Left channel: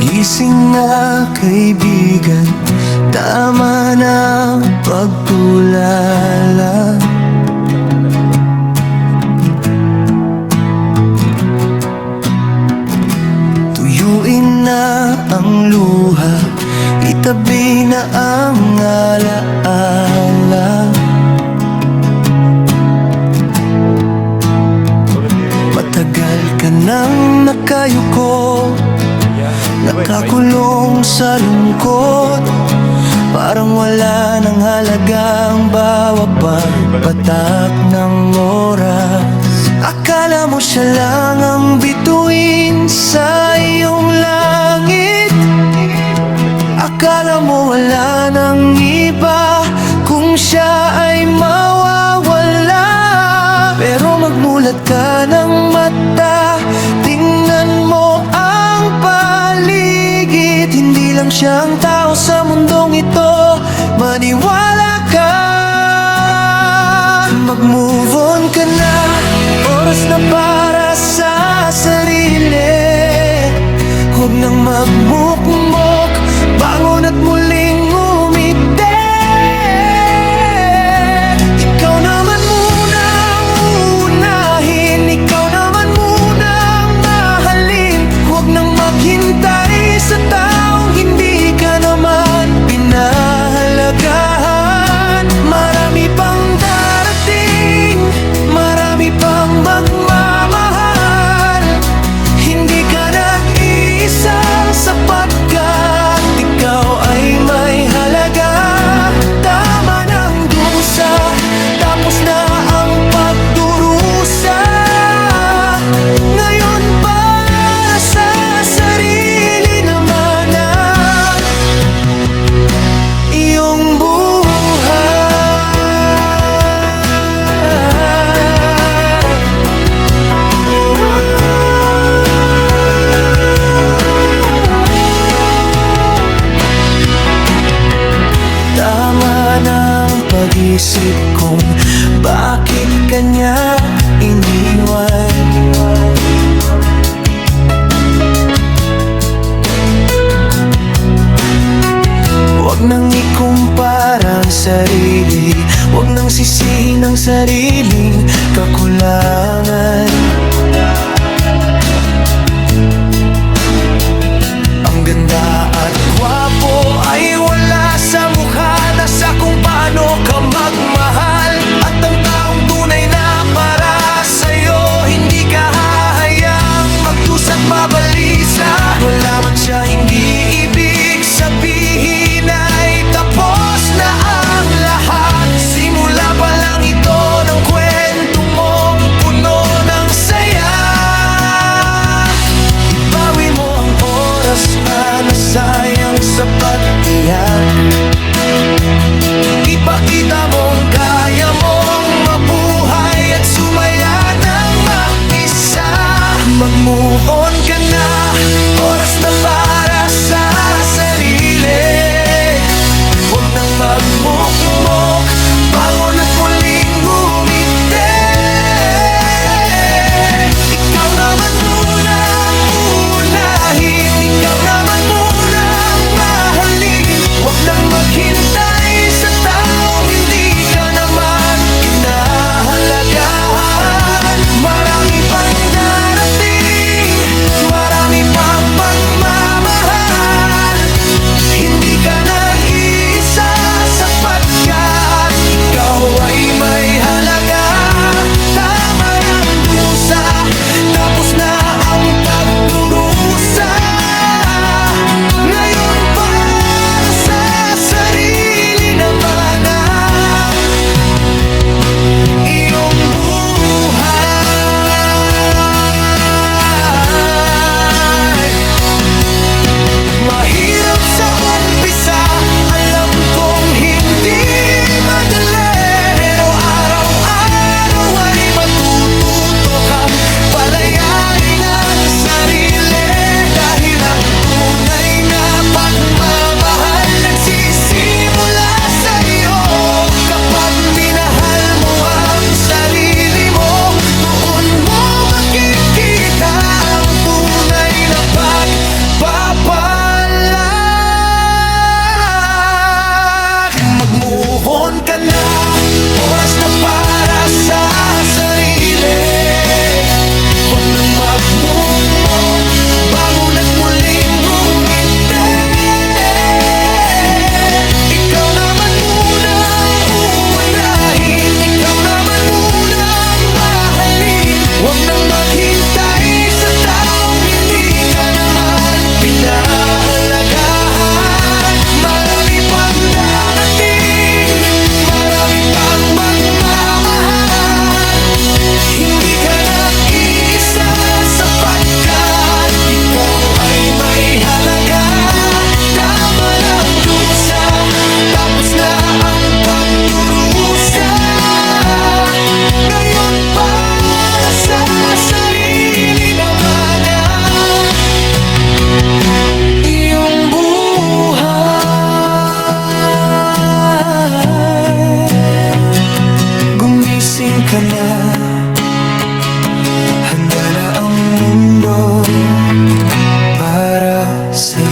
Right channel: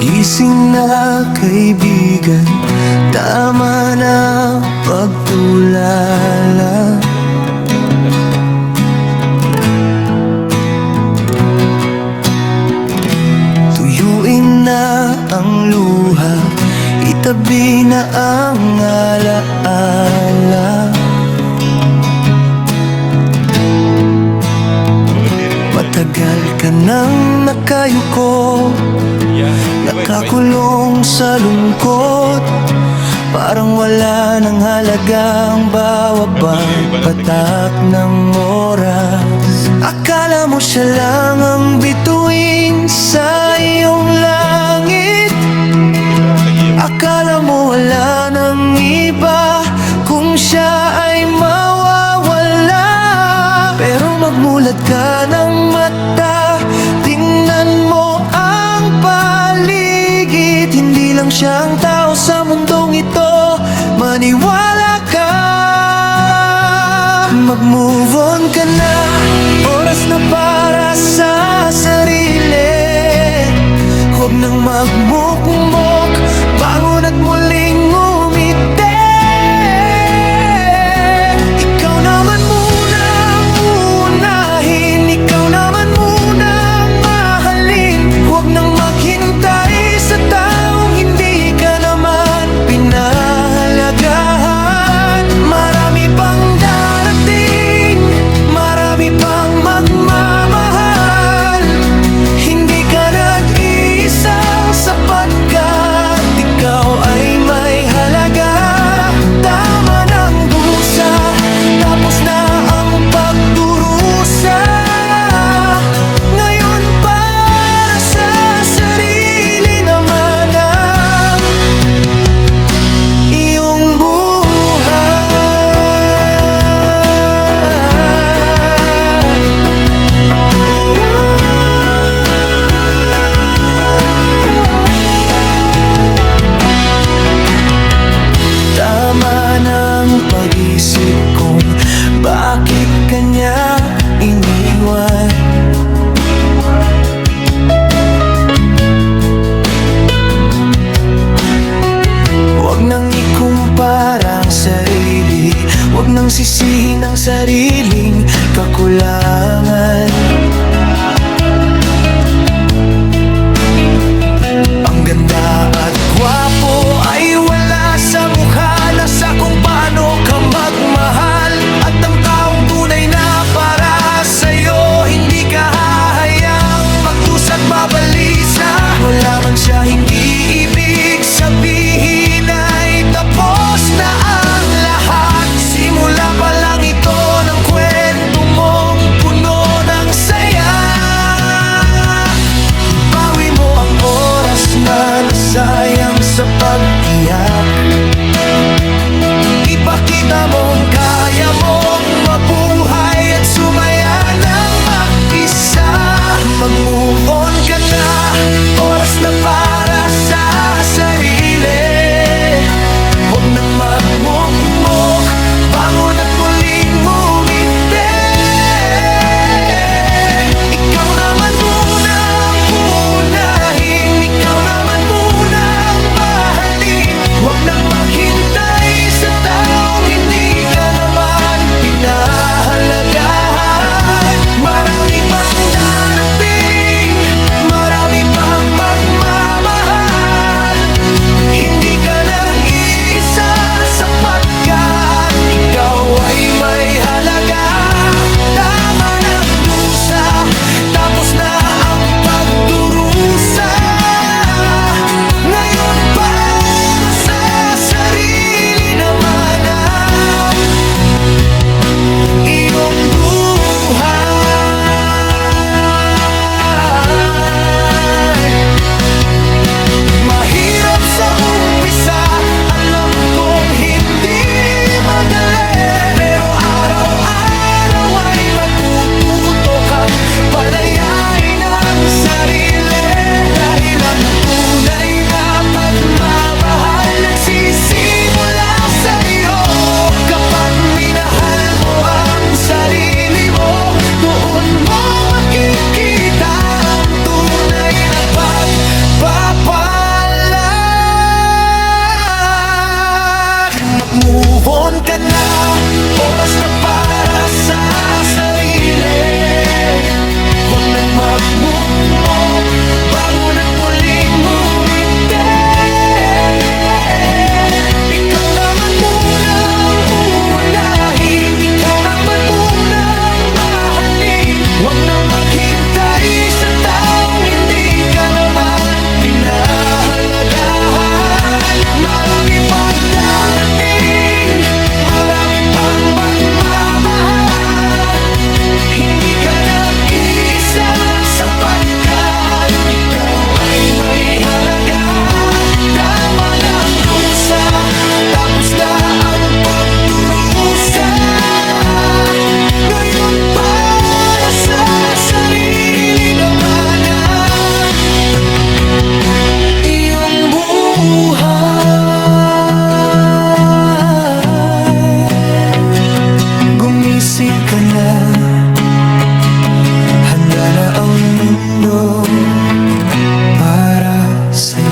Gising na kaibigan, tama na pagtulala. Tuyuin na ang luha, itabi na ang alaala. Matagal ka nang nakayuko, nakakulong sa lungkot. Parang wala nang halagang bawat pagpatak ng oras. Akala mo siya lang ang bituin sa iyong langit. Akala mo wala nang iba kung siya ay mawawala. Pero magmulat ka ng mata, tingnan mo ang paligid. Hindi lang siyang tao sa mundong ito, maniwala ka. Mag-move on ka na, oras na para sa sarili. Huwag nang magmukmok, bangon at muling umiti. Ikaw naman muna ang unahin, ikaw naman muna ang mahalin. Huwag nang maghintay sa taong hindi ka naman pinahalagahan. Marami pang darating, marami pang magmamahal. Hindi ka nag-iisa, sapat ka't ikaw ay may halaga. Tama ng dusa, tapos na ang pagdurusa. Ngayon para sa sarili naman ang iyong buhay. Tama ng pag-isip kung bakit kanya iniwan. Huwag nang ikumpara ang sarili, huwag nang sisihin ang sariling kakulangan. Ang ganda at gwapo ay wala sa mukha, nasa kung paano ka magmahal. At ang taong tunay na para sa'yo, hindi ka hahayang magdusa't mabalisa. Wala man siya, hindi ibig sabihin ay tapos na ang lahat. Simula pa lang ito ng kwento mong puno ng saya. Ibawi mo ang oras na nasayang sa pag-iyak. Ipakita mong kaya mong mabuhay at sumaya ng mag-isa. Mag-move on ka na, oras na para sa sarili. Huwag nang magmukmok, bangon at muling umiti. Ikaw naman muna ang unahin, ikaw naman muna ang mahalin. Huwag nang maghintay sa taong hindi ka naman pinahalagahan. Marami pang darating, marami pang magmamahal. Hindi ka nag-iisa, sapat ka pagmumok, bangon at muling ngumiti. Ikaw naman munang unahin, ikaw naman munang mahalin. Huwag nang maghintay sa taong hindi ka naman pinahalagahan. Marami pang darating, marami pang magmamahal. Hindi ka nag-iisa sapagkat ikaw ay may halaga. Tama ng dusa, tapos na ang pagdurusa. Ngayon para sa sarili naman ang iyong buhay. Gumising ka na, handa na ang mundo para sa'yo.